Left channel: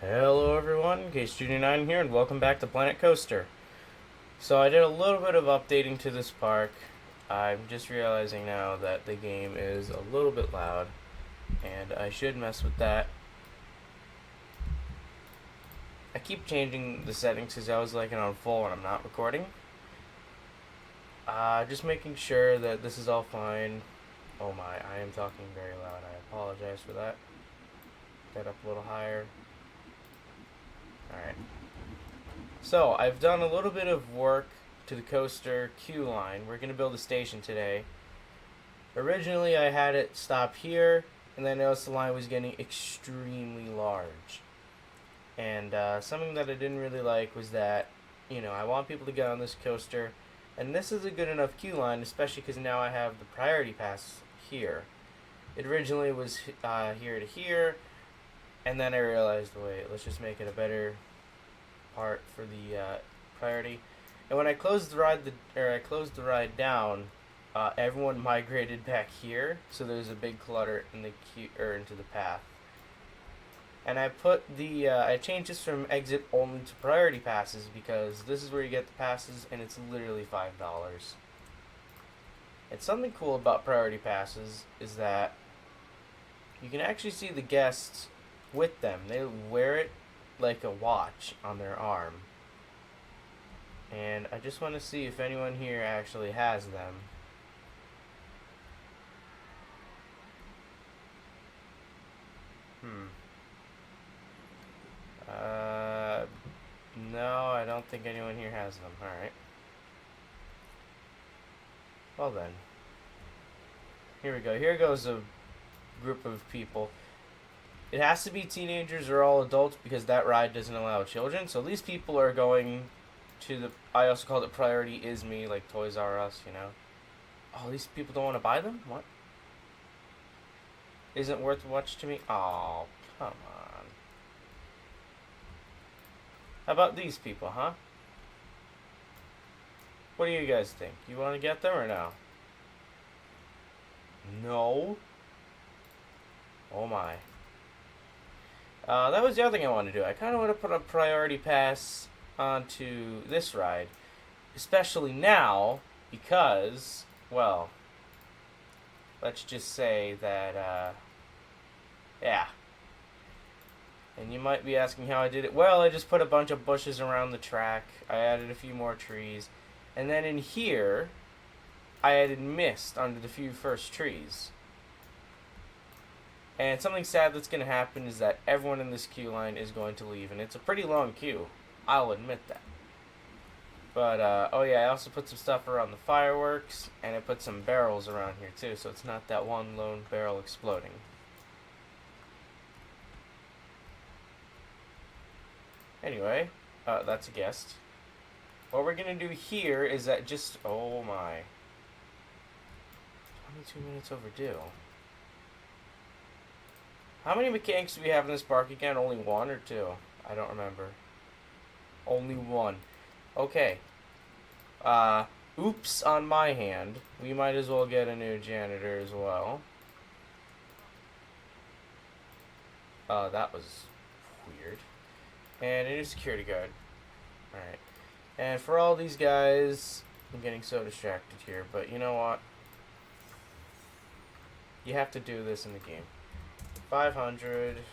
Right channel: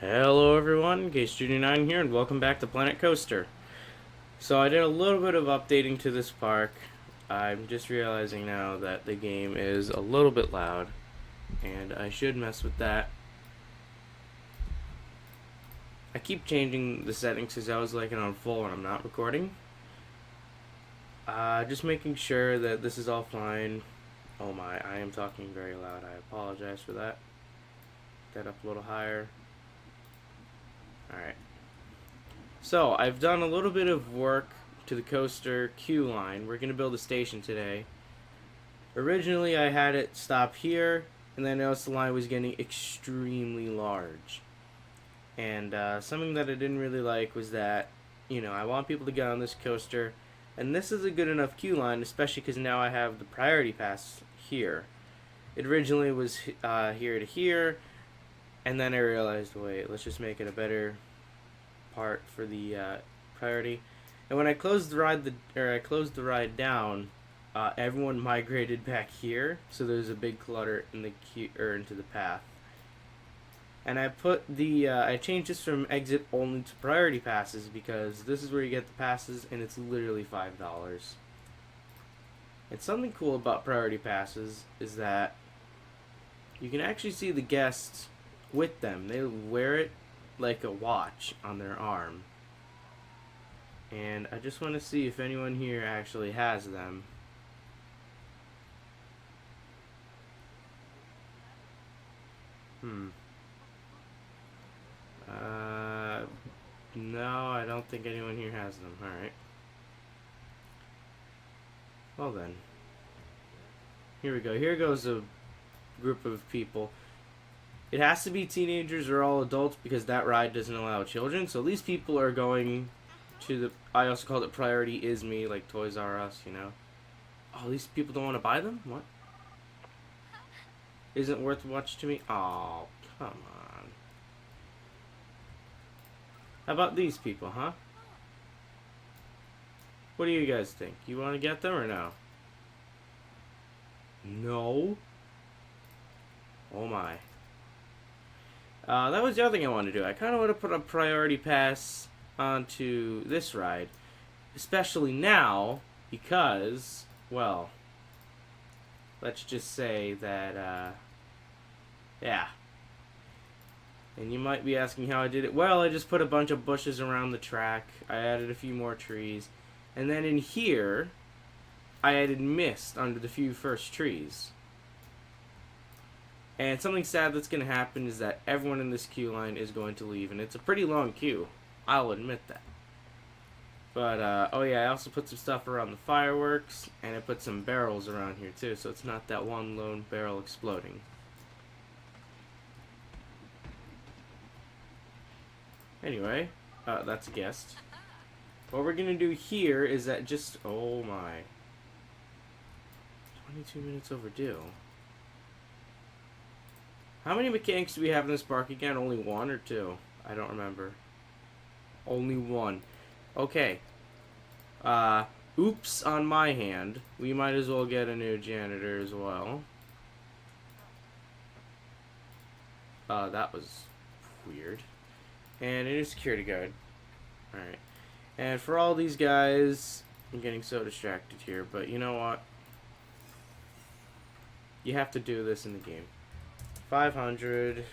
Hello everyone, Case9 here, and welcome back to PlanetCoaster. So I did a little bit of updating to this park. I'm just realizing now that the game is a little bit loud, and I should mess with that. I keep changing the settings because I was like it on full and I'm not recording. Just making sure that this is all fine. Oh my, I am talking very loud. I apologize for that. Get up a little higher. Alright. So, I've done a little bit of work to the coaster queue line. We're going to build a station today. Originally, I had it stop here, and then I noticed the line was getting extremely large. And something that I didn't really like was that, I want people to get on this coaster, and this is a good enough queue line, especially because now I have the priority pass here. It originally was here to here, and then I realized, wait, let's just make it a better part for the priority. And when I closed the ride down, everyone migrated back here, so there's a big clutter in the queue or into the path. And I changed this from exit only to priority passes because this is where you get the passes, and it's literally $5. And something cool about priority passes is that you can actually see the guests with them. They wear it like a watch on their arm. And I just want to see if anyone here actually has them. Hmm. No, I don't think anyone here has them. Alright. Well then. Here we go. Here goes a group of people. It has to be teenagers or all adults because that ride doesn't allow children. So these people are going to the... I also called it Priority Is Me, like Toys R Us, Oh, these people don't want to buy them? What? Isn't worth watch to me? Oh, come on. How about these people, huh? What do you guys think? You want to get them or no? No? Oh my. That was the other thing I wanted to do. I kind of want to put a priority pass onto this ride. Especially now, because, well, let's just say that, yeah. And you might be asking how I did it. Well, I just put a bunch of bushes around the track. I added a few more trees. And then in here, I added mist under the few first trees. And something sad that's going to happen is that everyone in this queue line is going to leave. And it's a pretty long queue. I'll admit that. But, oh yeah, I also put some stuff around the fireworks. And I put some barrels around here too. So it's not that one lone barrel exploding. Anyway, that's a guest. What we're going to do here is that just... Oh my. 22 minutes overdue. How many mechanics do we have in this park again? Only one or two? I don't remember. Only one. Okay. Oops on my hand. We might as well get a new janitor as well. That was weird. And a new security guard. Alright. And for all these guys... I'm getting so distracted here, but you know what? You have to do this in the game. 500,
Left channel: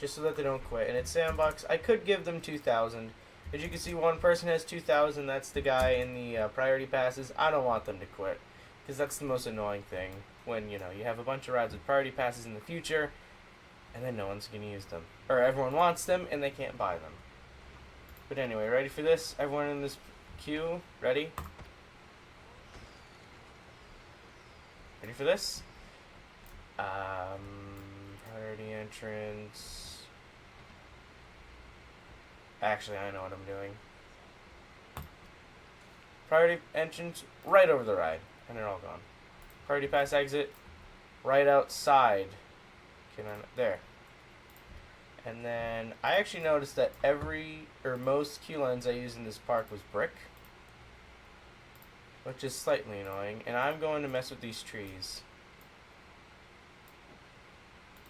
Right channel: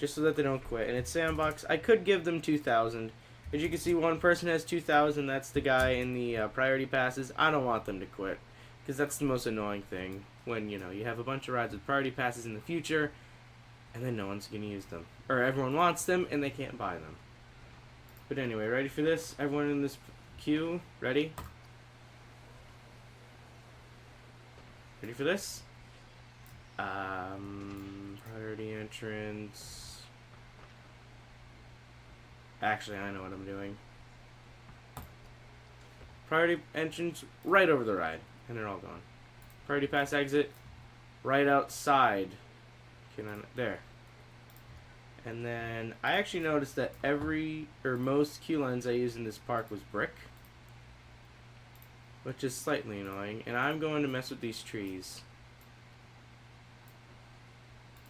just so that they don't quit. And it's sandbox. I could give them 2,000. As you can see, one person has 2,000. That's the guy in the priority passes. I don't want them to quit, because that's the most annoying thing. When, you have a bunch of rides with priority passes in the future, and then no one's going to use them. Or everyone wants them, and they can't buy them. But anyway, ready for this? Everyone in this queue, ready? Ready for this? Priority entrance. Actually, I know what I'm doing. Priority entrance right over the ride, and they're all gone. Priority pass exit right outside. There. And then I actually noticed that most queue lines I used in this park was brick, which is slightly annoying. And I'm going to mess with these trees.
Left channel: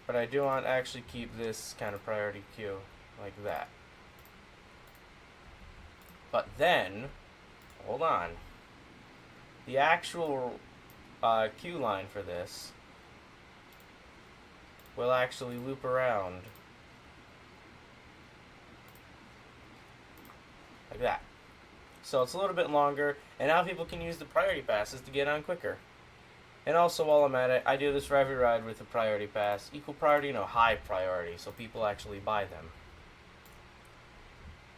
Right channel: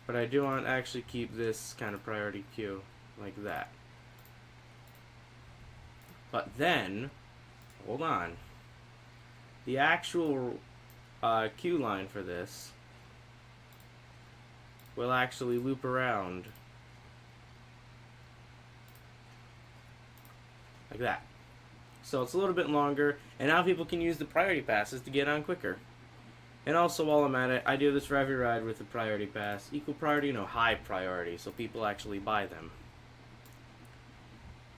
But I do want to actually keep this kind of priority queue. like that. But then, hold on. The actual queue line for this will actually loop around like that. So it's a little bit longer, and now people can use the priority passes to get on quicker. And also, while I'm at it, I do this for every ride with a priority pass. Equal priority, no, high priority, so people actually buy them.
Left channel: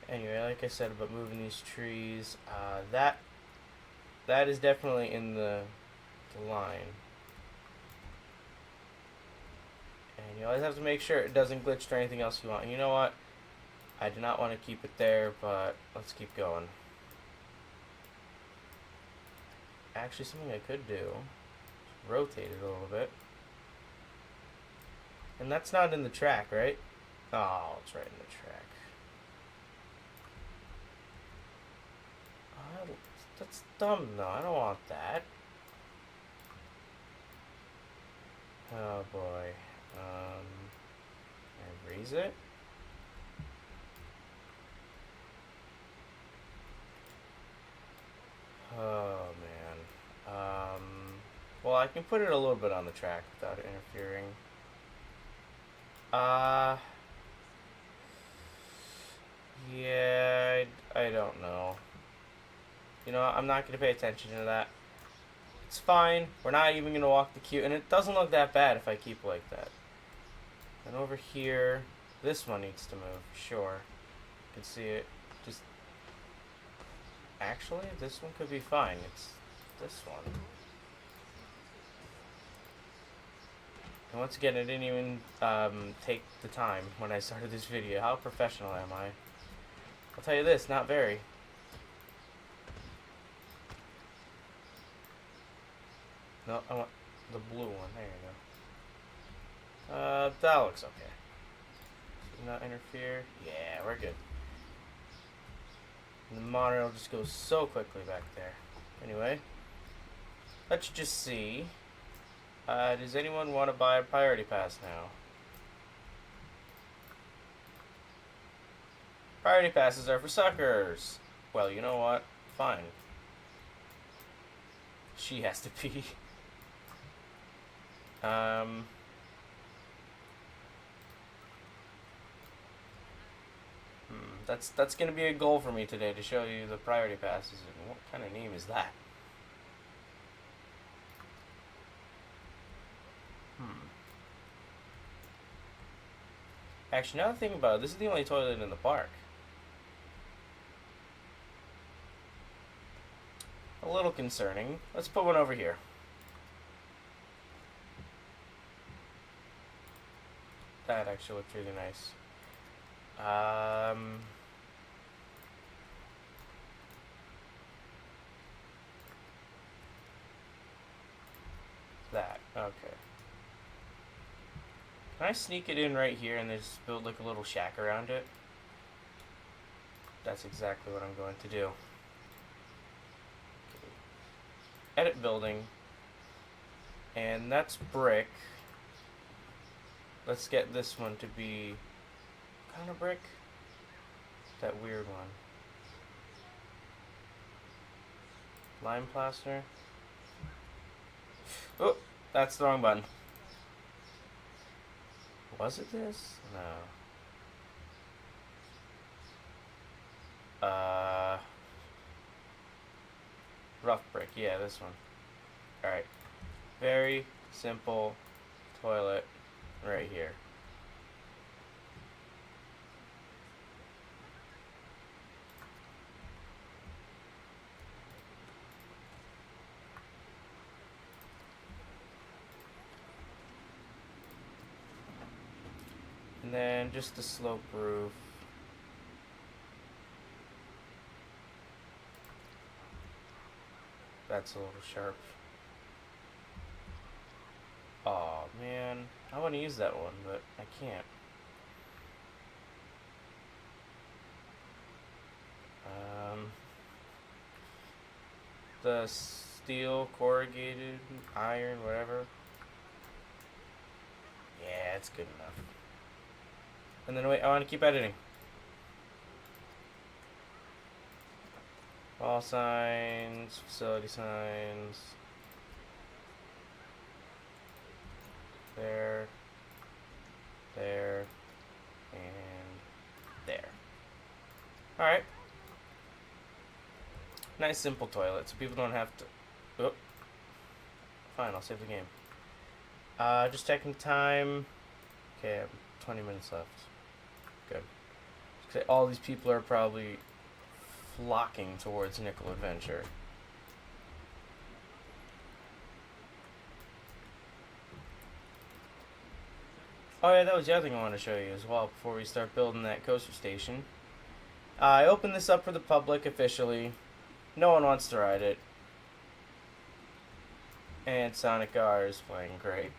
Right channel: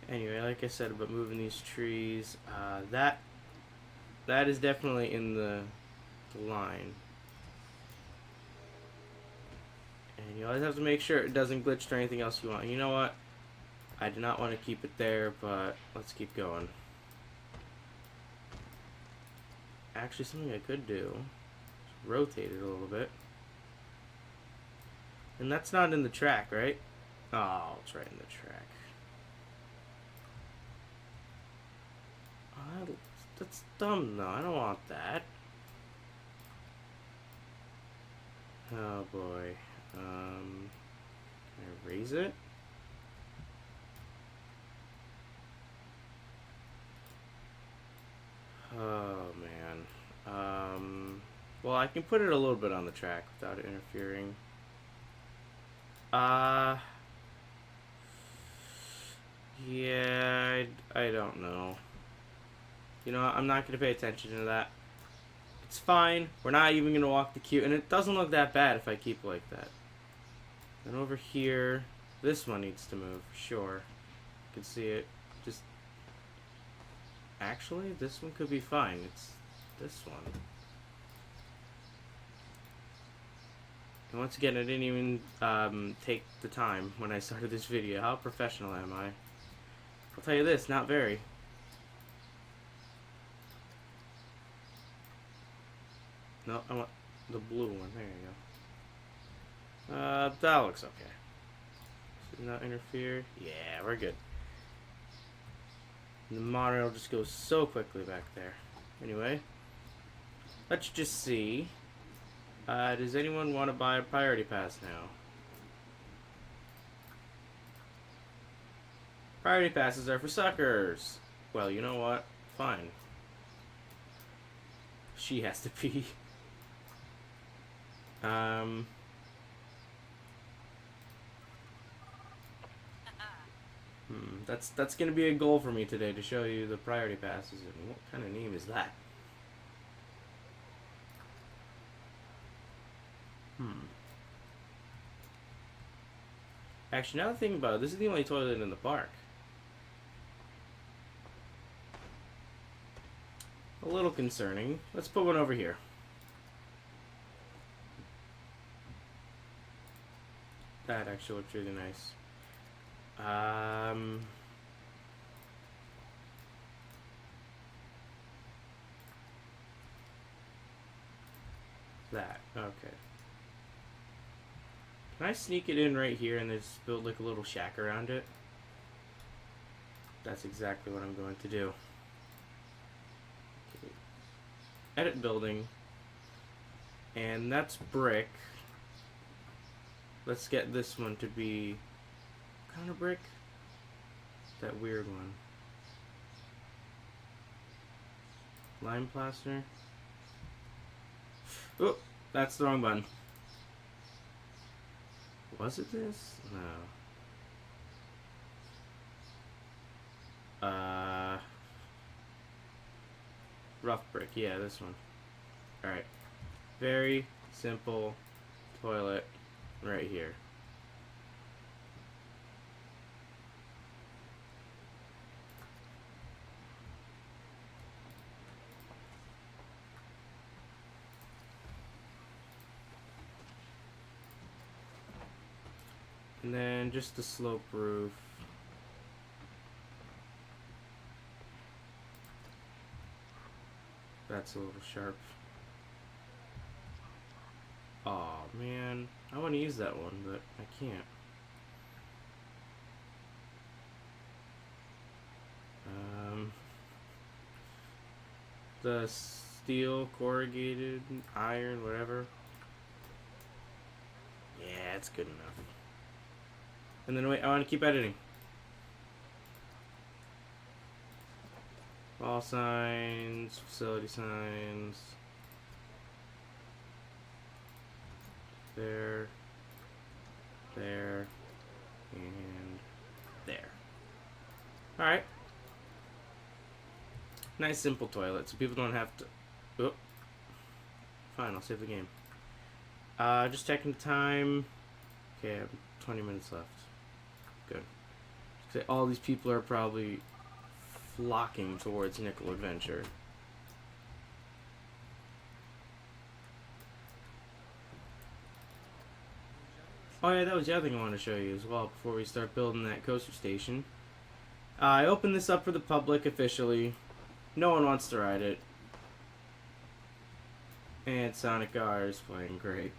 Anyway, like I said about moving these trees, that is definitely in the line. And you always have to make sure it doesn't glitch to anything else you want. And you know what? I do not want to keep it there, but let's keep going. Actually, something I could do is rotate it a little bit. And that's not in the track, right? Oh, it's right in the track. That's dumb, though. I don't want that. Oh, boy. Can I raise it? Oh, man. Well, I can put it a little bit on the track without it interfering. Yeah, I don't know. You know, I'm not going to pay attention to that. It's fine. We're not even going to walk the queue. And it doesn't look that bad if I keep like that. And over here, this one needs to move. Sure. You can see it. Just... Actually, this one could be fine. It's this one. And once again, I didn't even take the time when I started this video. How professional am I? I'll tell you this, not very. No, I want the blue one. There you go. That looks okay. Does not interfere. Yeah, we're good. And the monorail just goes so quickly back there. Anyway, let's just see. Does anyone want to buy a priority pass now? Priority passes are for suckers. Well, you know what? Fine. She has to pee. That's gonna be a goal for me today, to show you the priority passes. And what kind of name is that? Actually, now that I think about it, this is the only toilet in the park. A little concerning. Let's put one over here. That actually looks really nice. That. Okay. Can I sneak it in right here and just build like a little shack around it? That's exactly what I'm going to do. Okay. Edit building. And that's brick. Let's get this one to be... What kind of brick? That weird one. Lime plaster. Oh, that's the wrong button. Was it this? No. Rough brick. Yeah, this one. Alright. Very simple toilet right here. And then just the slope roof. That's a little sharp. Aw, man. I want to use that one, but I can't. The steel, corrugated, iron, whatever. Yeah, it's good enough. And then wait, I want to keep editing. Wall signs, facility signs. There, there, and there. Alright. Nice simple toilet, so people don't have to... Oh. Fine, I'll save the game. Just checking time. Okay, I have 20 minutes left. Good. All these people are probably flocking towards Nickel Adventure. Oh yeah, that was the other thing I wanted to show you as well before we start building that coaster station. I opened this up for the public officially. No one wants to ride it. And Sonic R is playing great.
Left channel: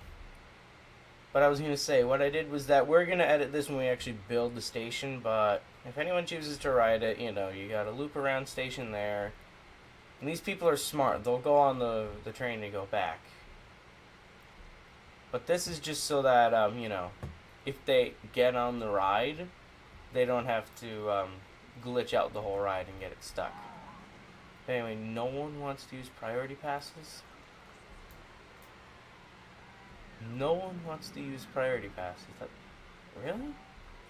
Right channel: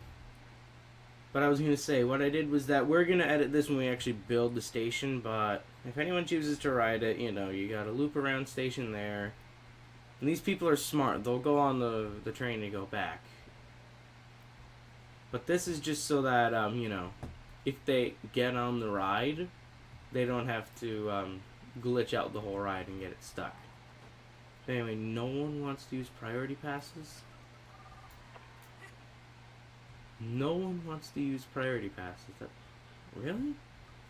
But I was going to say, what I did was that we're going to edit this when we actually build the station, but if anyone chooses to ride it, you know, you got a loop around station there. And these people are smart. They'll go on the train and go back. But this is just so that, you know, if they get on the ride, they don't have to glitch out the whole ride and get it stuck. Anyway, no one wants to use priority passes. No one wants to use priority passes. Really?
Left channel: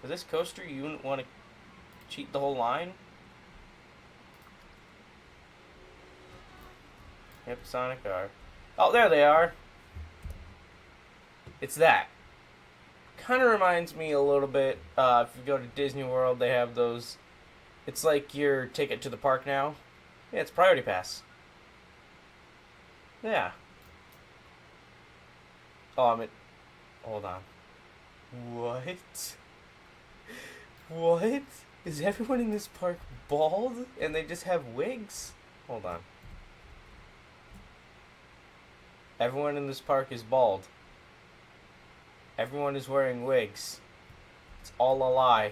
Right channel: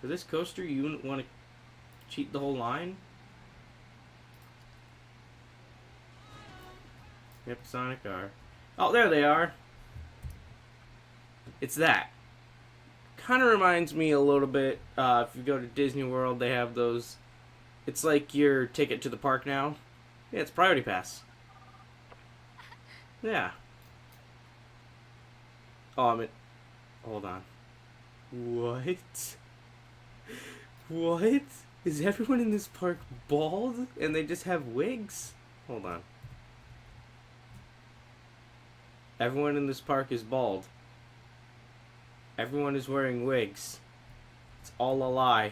For this coaster, you wouldn't want to cheat the whole line? Yep, Sonic R. Oh, there they are. It's that. Kind of reminds me a little bit, if you go to Disney World, they have those... It's like your ticket to the park now. Yeah, it's priority pass. Yeah. Oh, hold on. What? What? Is everyone in this park bald and they just have wigs? Hold on. Everyone in this park is bald. Everyone is wearing wigs. It's all a lie.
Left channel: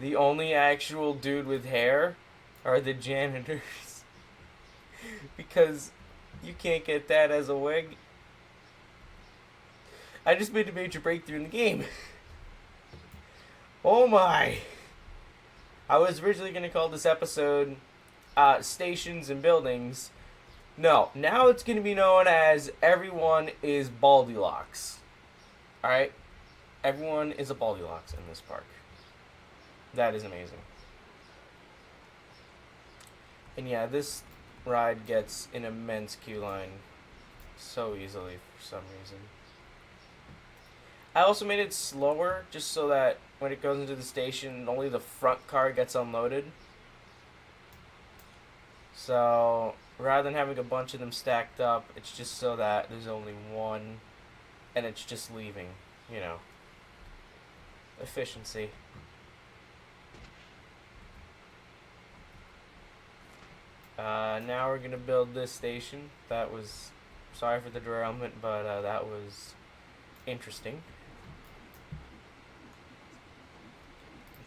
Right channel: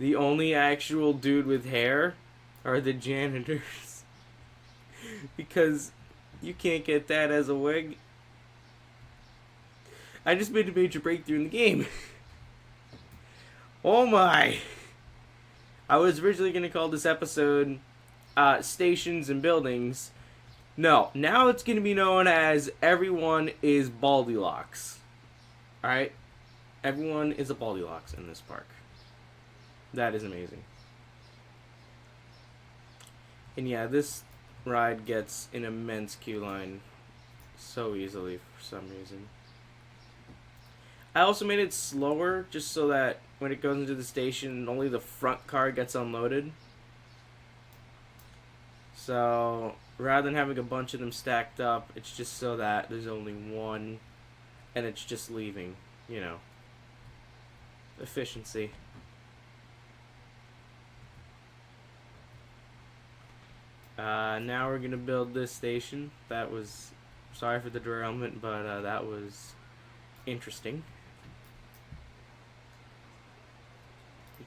The only actual dude with hair are the janitors. Because you can't get that as a wig. I just made a major breakthrough in the game. Oh my. I was originally going to call this episode Stations and Buildings. No, now it's going to be known as Everyone is Baldylocks. Alright? Everyone is a Baldylocks in this park. That is amazing. And yeah, this ride gets an immense queue line so easily for some reason. I also made it slower just so that when it goes into the station, only the front car gets unloaded. So rather than having a bunch of them stacked up, it's just so that there's only one and it's just leaving, you know. Efficiency. Now we're gonna build this station. That was, sorry for the derailment, but that was interesting.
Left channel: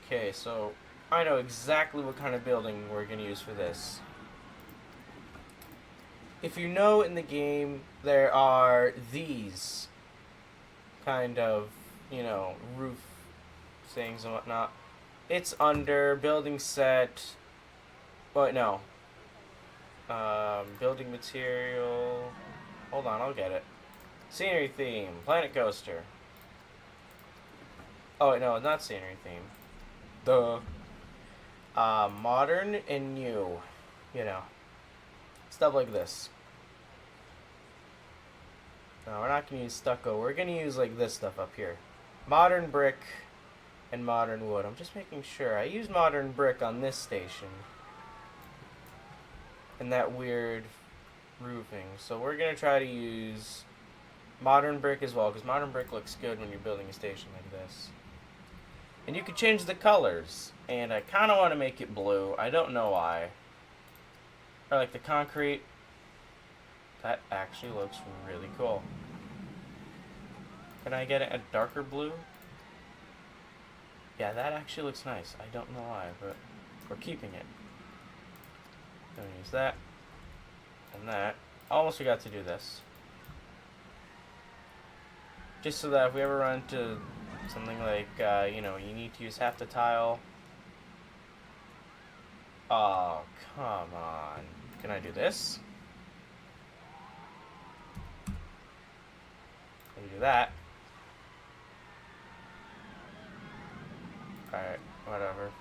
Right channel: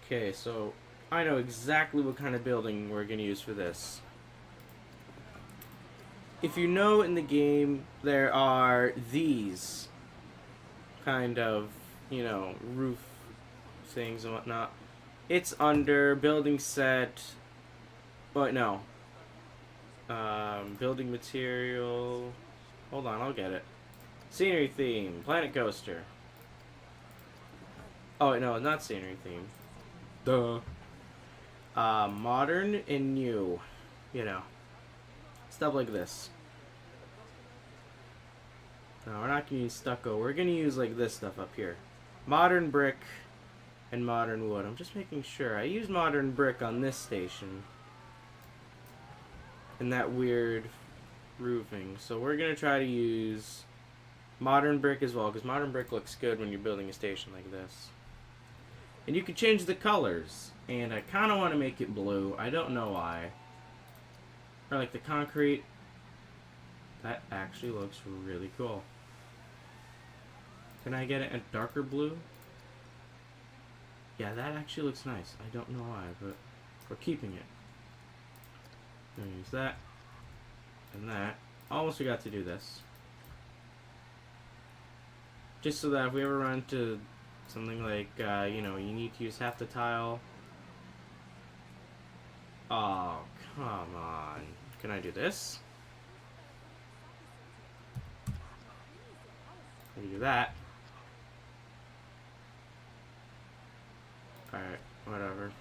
Okay, so I know exactly what kind of building we're gonna use for this. If you know in the game, there are these kind of, you know, roof things and whatnot. It's under building set. Wait, no. Building material. Hold on, I'll get it. Scenery theme, PlanetCoaster. Oh wait, no, not scenery theme. Duh. Modern and new. You know. Stuff like this. No, we're not gonna use stucco. We're gonna use like this stuff up here. Modern brick and modern wood. I'm just making sure. I used modern brick on this station. And that weird roofing. So we're gonna try to use modern brick as well, because modern brick looks good when you're building a station like this. And you can change the colors. And I kind of want to make it blue. I don't know why. Or like the concrete. That actually looks really cool. Can I get it a darker blue? Yeah, that actually looks nice. I don't know why, but we're keeping it. Gonna use that. And that. Almost forgot to do this. Just so that if we ever run into something like, you know, you need to use half the tile. Oh, come on. Can I do this? I can do that. Alright, whatever.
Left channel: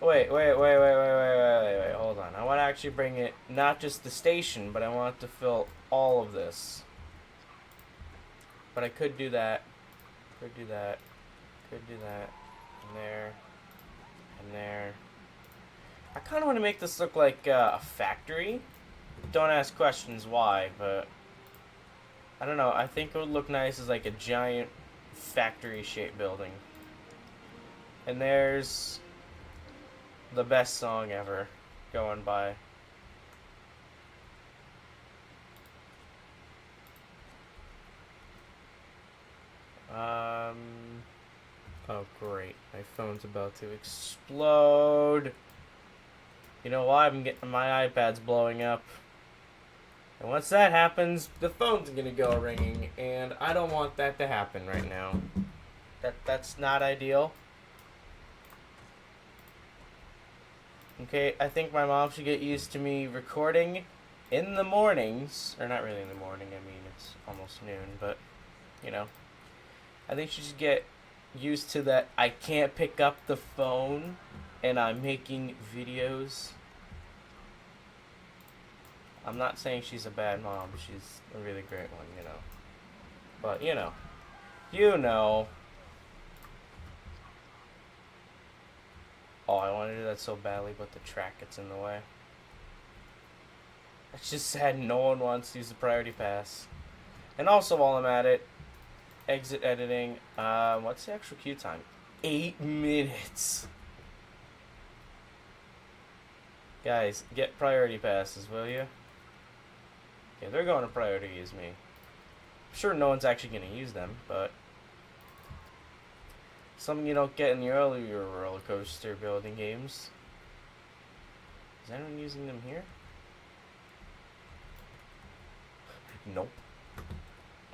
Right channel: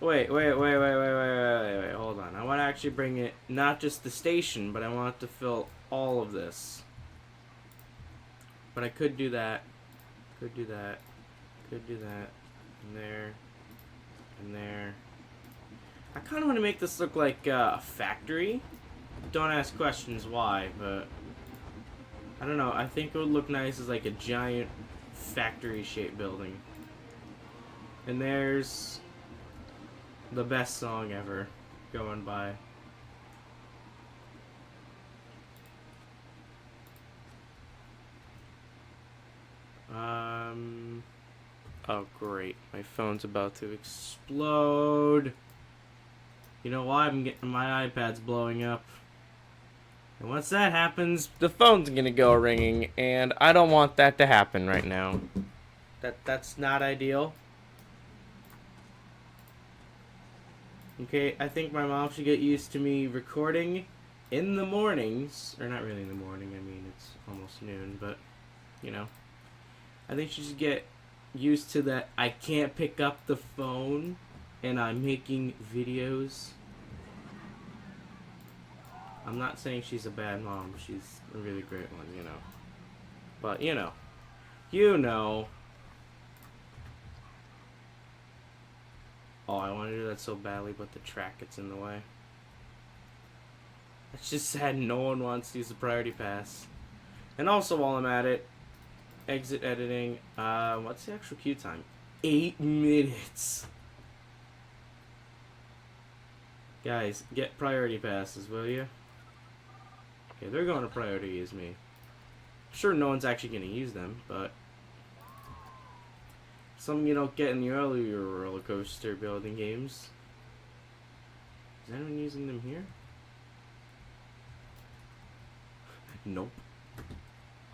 Wait. Hold on. I want to actually bring it, not just the station, but I want to fill all of this. But I could do that. Could do that. Could do that. And there. And there. I kind of want to make this look like a factory. Don't ask questions why, but I don't know. I think it would look nice as like a giant factory-shaped building. And there's the best song ever going by. Oh great, my phone's about to explode. You know why? My iPad's blowing up. And once that happens, the phone's gonna go ringing, and I don't want that to happen right now. That's not ideal. Okay, I think my mom should get used to me recording in the mornings. Or not really in the morning, I mean, it's almost noon, but, you know. I think she should get used to that I can't pick up the phone and I'm making videos. I'm not saying she's a bad mom. She's a really great one, you know. But, you know. You know. Oh, I want to do that so badly, but the track gets in the way. It's just sad no one wants to use the priority pass. And also, while I'm at it, exit editing. What's the actual queue time? 8 minutes. Guys, get priority passes, will you? Okay, they're going to priority as me. I'm sure no one's actually going to use them, but something you don't get in the earlier roller coaster building games. Is anyone using them here? Nope.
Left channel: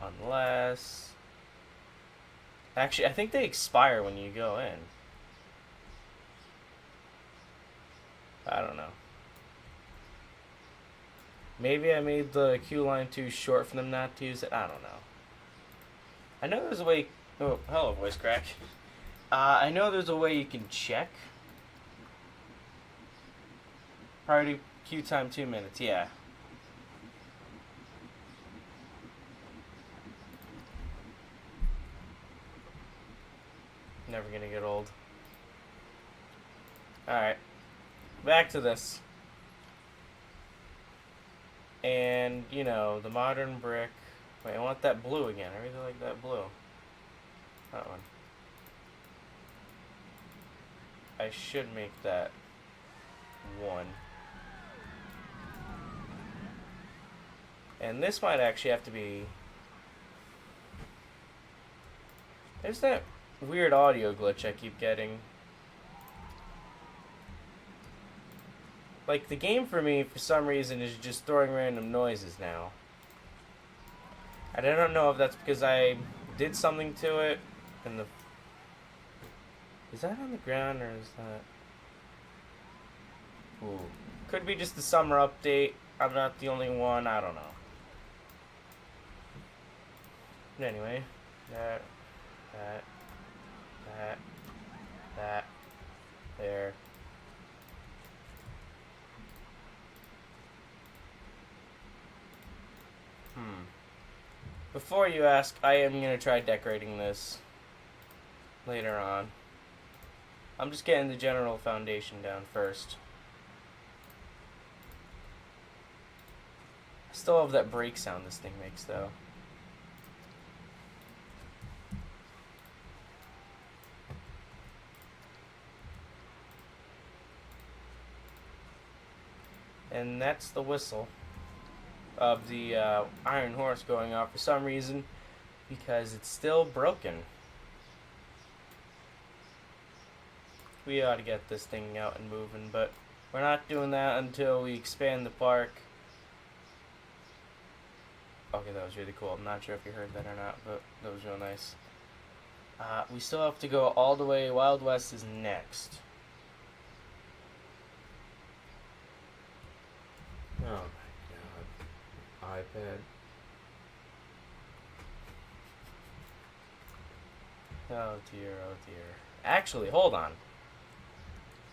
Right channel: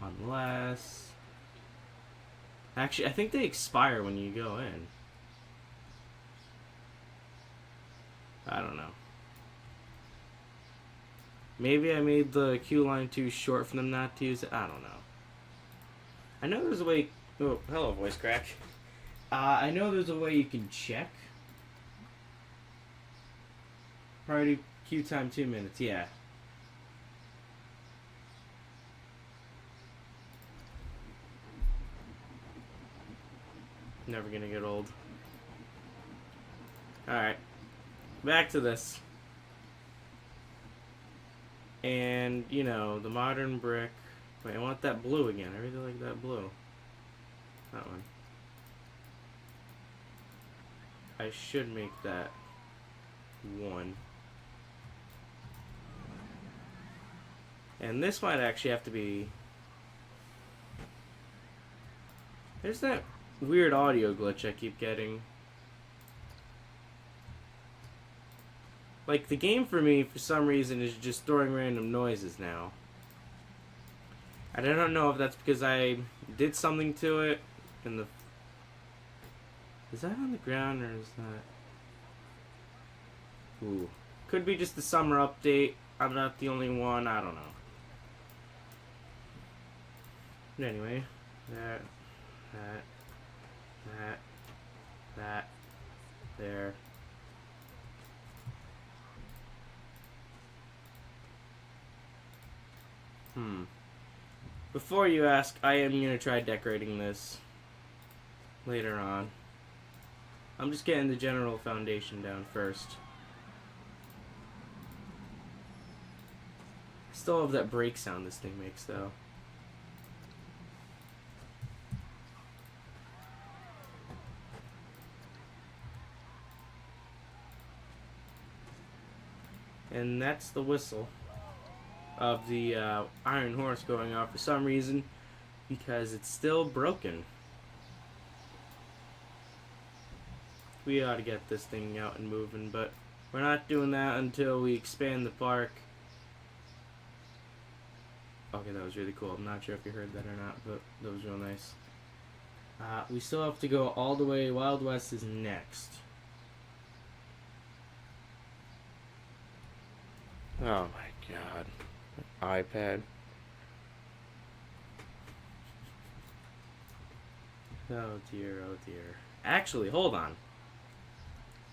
Unless... Actually, I think they expire when you go in. I don't know. Maybe I made the queue line too short for them not to use it. I don't know. I know there's a way... Oh, hello, voice crack. I know there's a way you can check. Priority queue time 2 minutes, yeah. Never gonna get old. Alright. Back to this. And, you know, the modern brick. Wait, I want that blue again. I really like that blue. That one. I should make that 1. And this might actually have to be... There's that weird audio glitch I keep getting. Like, the game for me, for some reason, is just throwing random noises now. And I don't know if that's because I did something to it, and the... Is that on the ground, or is that... Ooh. Could be just the summer update. I'm not the only one, I don't know. But anyway, that, there. Before you ask, I am going to try decorating this later on. I'm just getting the general foundation down first. I still have that brake sound this thing makes, though. And that's the whistle of the Iron Horse going off for some reason, because it's still broken. We ought to get this thing out and moving, but we're not doing that until we expand the park. Okay, that was really cool. I'm not sure if you heard that or not, but that was real nice. We still have to go all the way. Wild West is next. Oh my god. iPad. Oh dear, oh dear. Actually, hold on.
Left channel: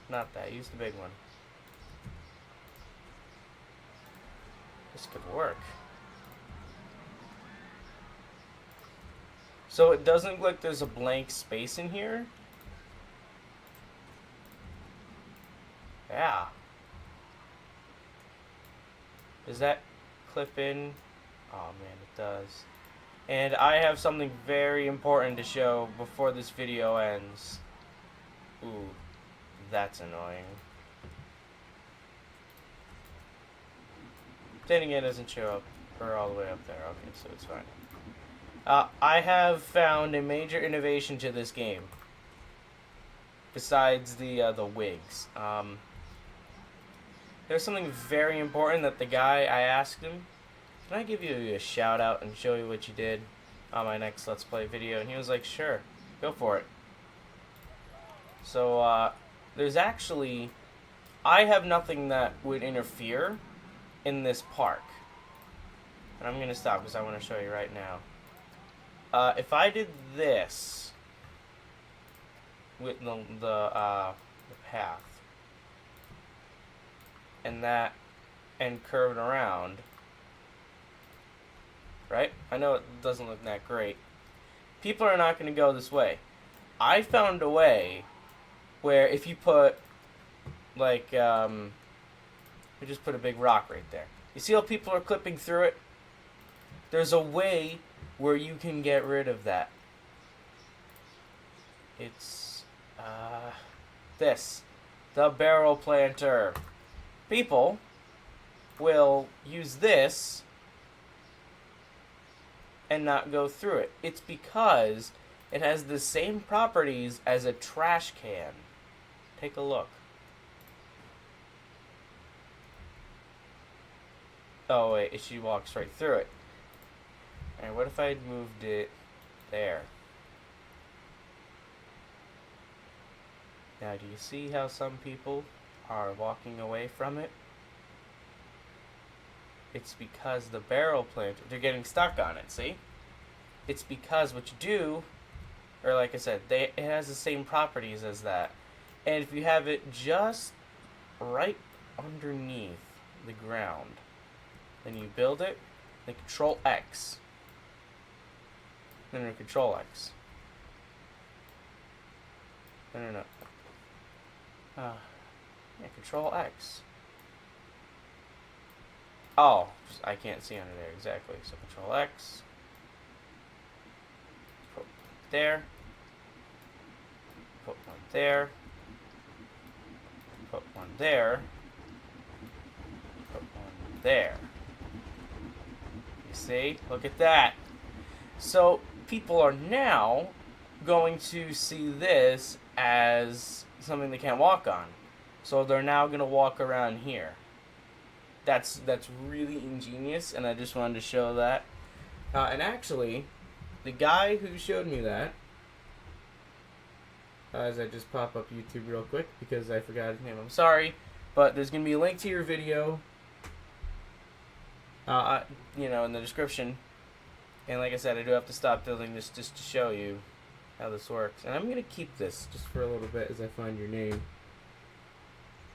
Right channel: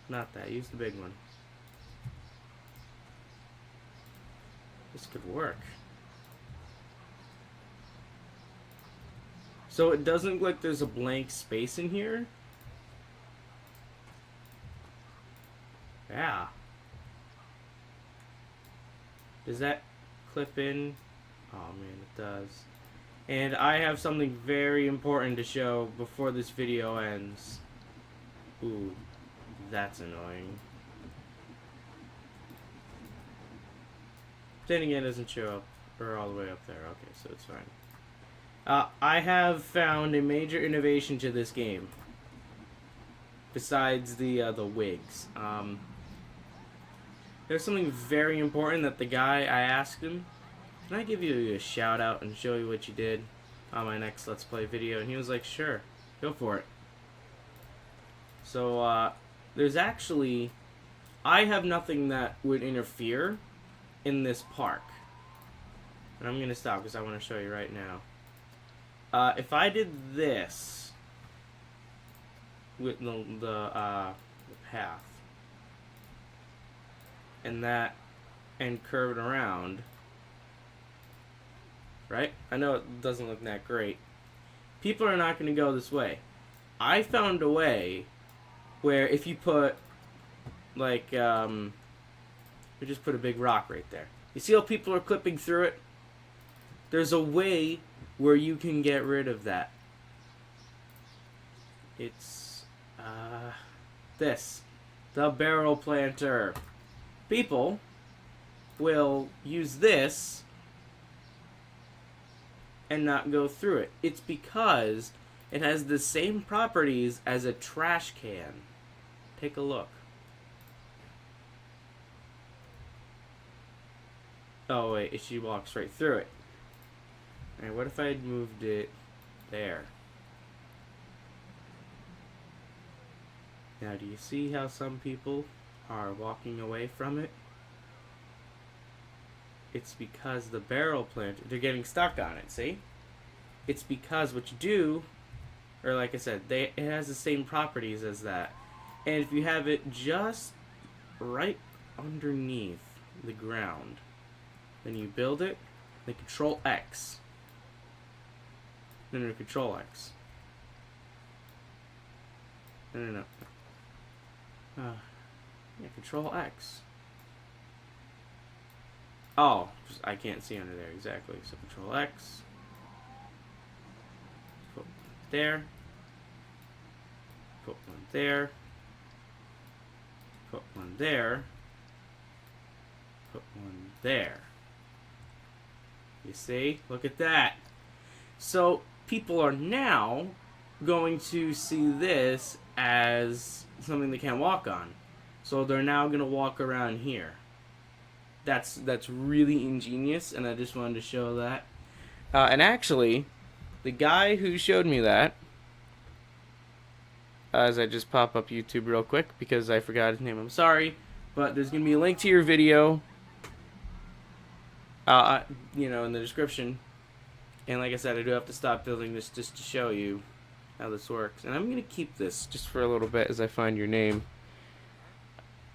Not that. Use the big one. This could work. So it doesn't look like there's a blank space in here. Yeah. Does that clip in? Oh man, it does. And I have something very important to show before this video ends. Ooh, that's annoying. Then again, it doesn't show up or all the way up there. Okay, so it's fine. I have found a major innovation to this game. Besides the wigs, there's something very important that the guy I asked him, can I give you a shout out and show you what you did on my next Let's Play video? And he was like, sure, go for it. So there's actually, I have nothing that would interfere in this park. And I'm gonna stop because I want to show you right now. If I did this with the path and that and curve it around, right? I know it doesn't look that great. People are not going to go this way. I found a way where if you put like we just put a big rock right there. You see how people are clipping through it? There's a way where you can get rid of that. It's this, the barrel planter. People will use this and not go through it. It's because it has the same properties as a trash can. Take a look. Oh wait, she walks right through it. Alright, what if I had moved it there? Now, do you see how some people are walking away from it? It's because the barrel plant, they're getting stuck on it, see? It's because what you do, or like I said, it has the same properties as that. And if you have it just right underneath the ground, then you build it, then Control X. No, Control X. No. Yeah, Control X. Oh, I can't see under there exactly. So Control X. Put one there. Put one there. Put one there. Put one there. You see? Look at that. So people are now going to see this as something they can't walk on. So they're now going to walk around here. That's really ingenious, and I just wanted to show that. And actually, the guy who showed me that, as I just pop up YouTube real quick because I forgot his name, I'm sorry, but there's going to be a link to your video, you know, in the description. And like I said, I do have to stop building this just to show you how this works. And I'm going to keep this just for a little bit as I find your name.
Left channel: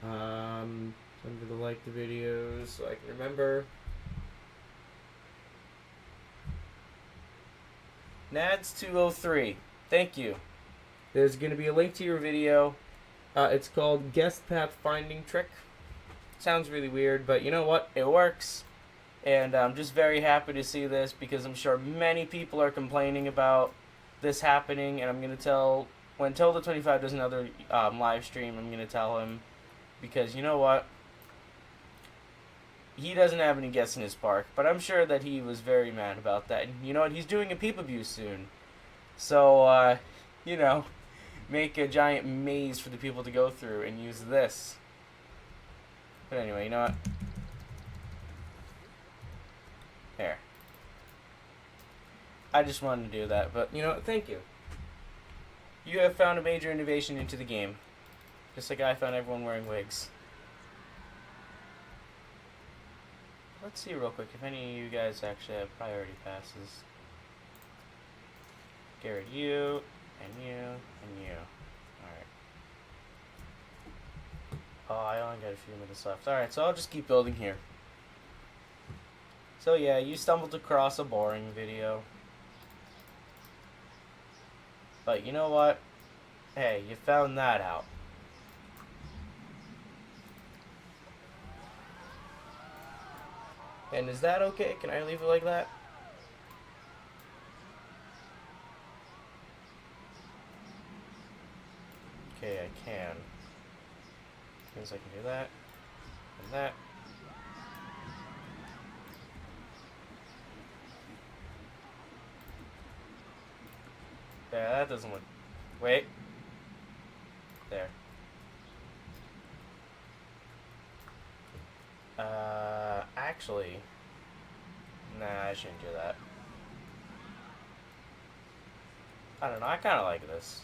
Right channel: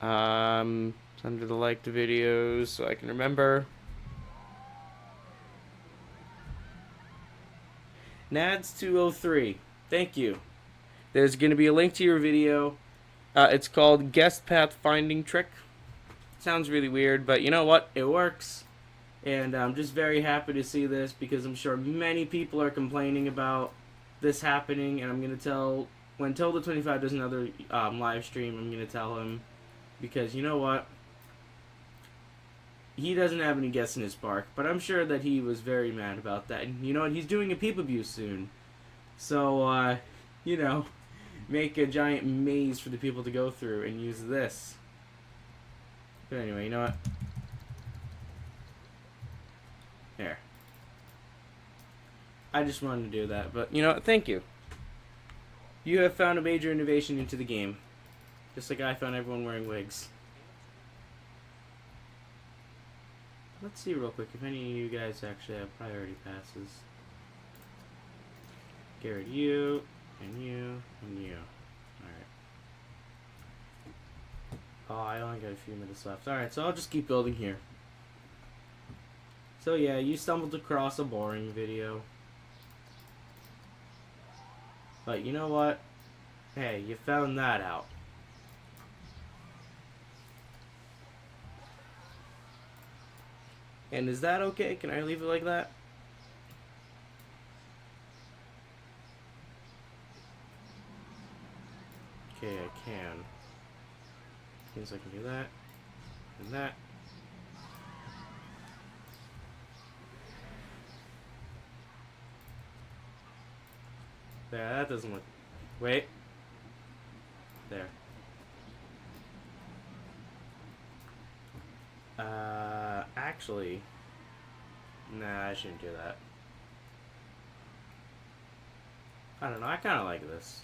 It's under the liked videos so I can remember. Nads203. Thank you. There's going to be a link to your video. It's called Guest Path Finding Trick. Sounds really weird, but you know what? It works. And I'm just very happy to see this because I'm sure many people are complaining about this happening. And I'm going to tell, when Tilda25 does another live stream, I'm going to tell him. Because you know what? He doesn't have any guests in his park. But I'm sure that he was very mad about that. And you know what? He's doing a peep abuse soon. So, you know, make a giant maze for the people to go through and use this. But anyway, you know what? There. I just wanted to do that, but you know what? Thank you. You have found a major innovation into the game. Just like I found everyone wearing wigs. Let's see real quick if any of you guys actually have priority passes. Garrett, you, and you, and you. Alright. Oh, I only got a few minutes left. Alright, so I'll just keep building here. So yeah, you stumbled across a boring video. But you know what? Hey, you found that out. And is that okay? Can I leave it like that? Okay, I can. Means I can do that. And that. There, that doesn't look... Wait. There. Actually... Nah, I shouldn't do that. I don't know, I kinda like this.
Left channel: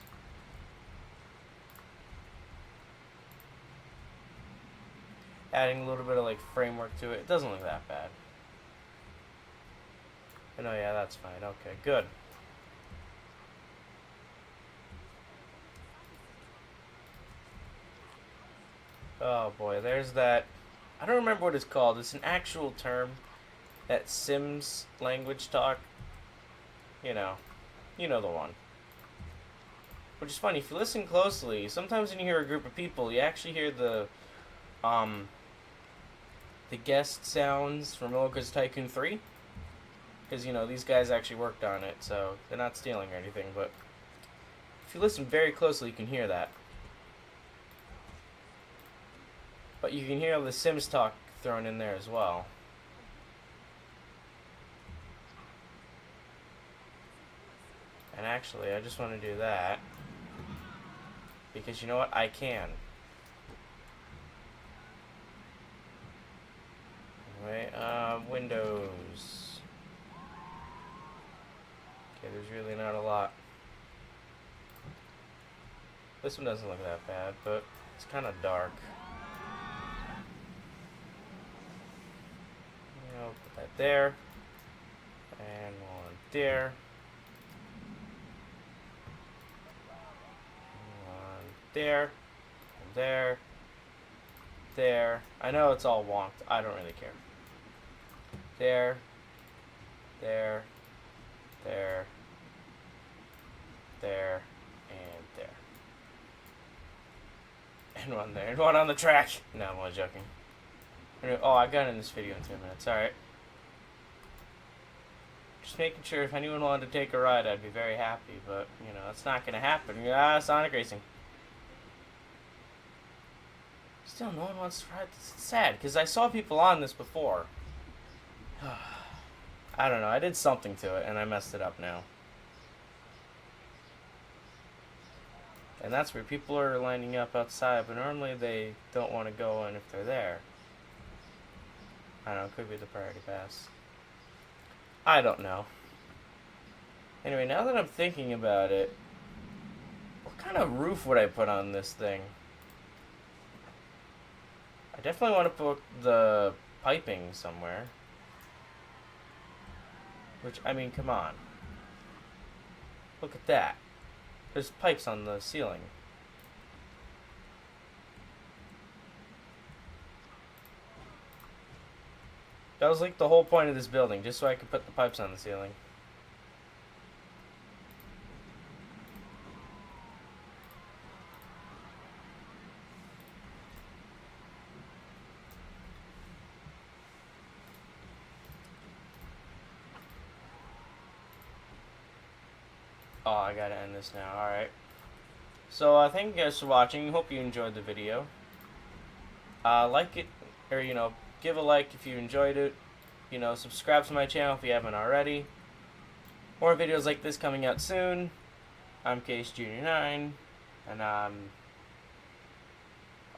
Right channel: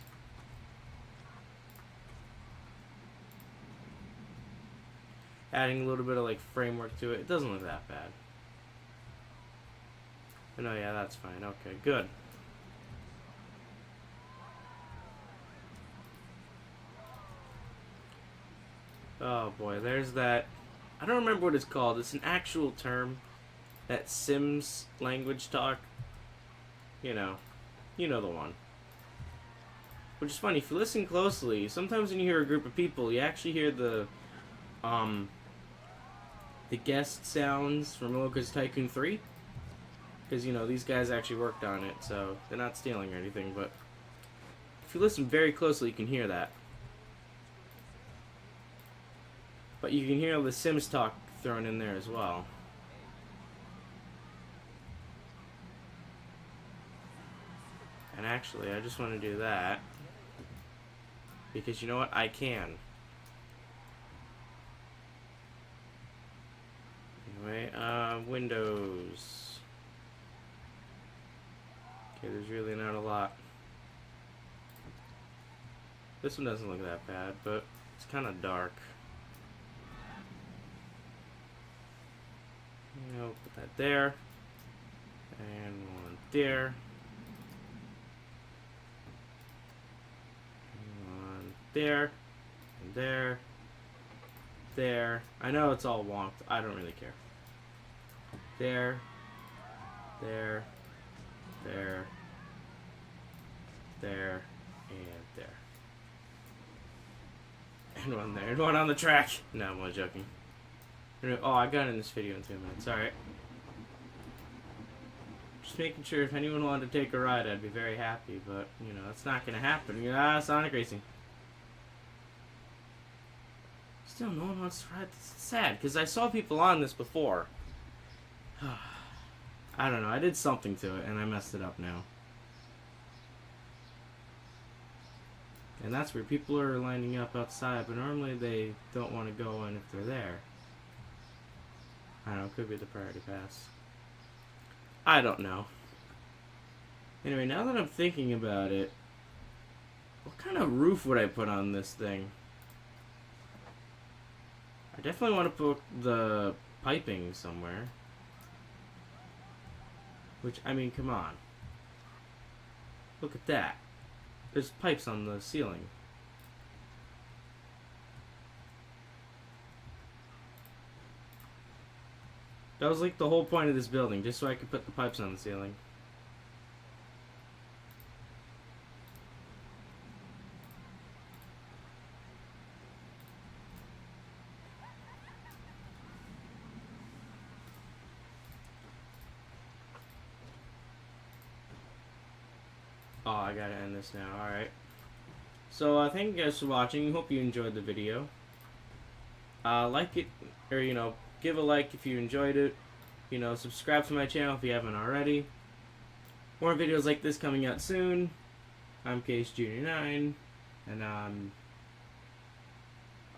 Adding a little bit of, like, framework to it. It doesn't look that bad. Oh, no, yeah, that's fine. Okay, good. Oh, boy, there's that... I don't remember what it's called. It's an actual term. That Sims language talk. You know the one. Which is funny, if you listen closely, sometimes when you hear a group of people, you actually hear the guest sounds from Locust Tycoon 3. Because, these guys actually worked on it, so they're not stealing or anything, but if you listen very closely, you can hear that. But you can hear the Sims talk thrown in there as well. And actually, I just want to do that. Because you know what? I can. Anyway, Windows. Okay, there's really not a lot. This one doesn't look that bad, but it's kind of dark. I'll put that there. And one there. There, and there, there. I know it's all wonked. I don't really care. There, there, there, there, and there. And one there, and one on the track. No, I'm only joking. Oh, I got in this video in 2 minutes. Alright. Just making sure if anyone wanted to take a ride, I'd be very happy, but, that's not gonna happen. Sonic Racing. Still, no one wants to ride this. It's sad, because I saw people on this before. I don't know. I did something to it, and I messed it up now. And that's where people are lining up outside, but normally they don't want to go in if they're there. I don't know. It could be the priority pass. I don't know. Anyway, now that I'm thinking about it, what kind of roof would I put on this thing? I definitely want to put the piping somewhere. Which, I mean, come on. Look at that. There's pipes on the ceiling. That was like the whole point of this building, just so I could put the pipes on the ceiling. Oh, I gotta end this now. Alright. So, thank you guys for watching. Hope you enjoyed the video. Like it, or, give a like if you enjoyed it. Subscribe to my channel if you haven't already. More videos like this coming out soon. I'm Case Junior 9. And,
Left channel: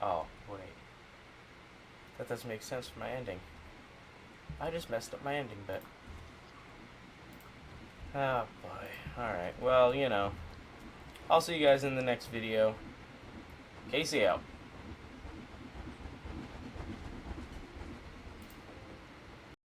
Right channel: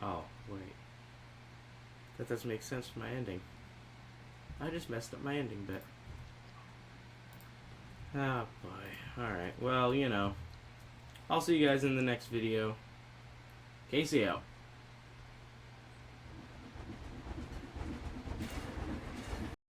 oh, wait. That doesn't make sense for my ending. I just messed up my ending bit. Oh, boy. Alright, well, I'll see you guys in the next video. Casey out.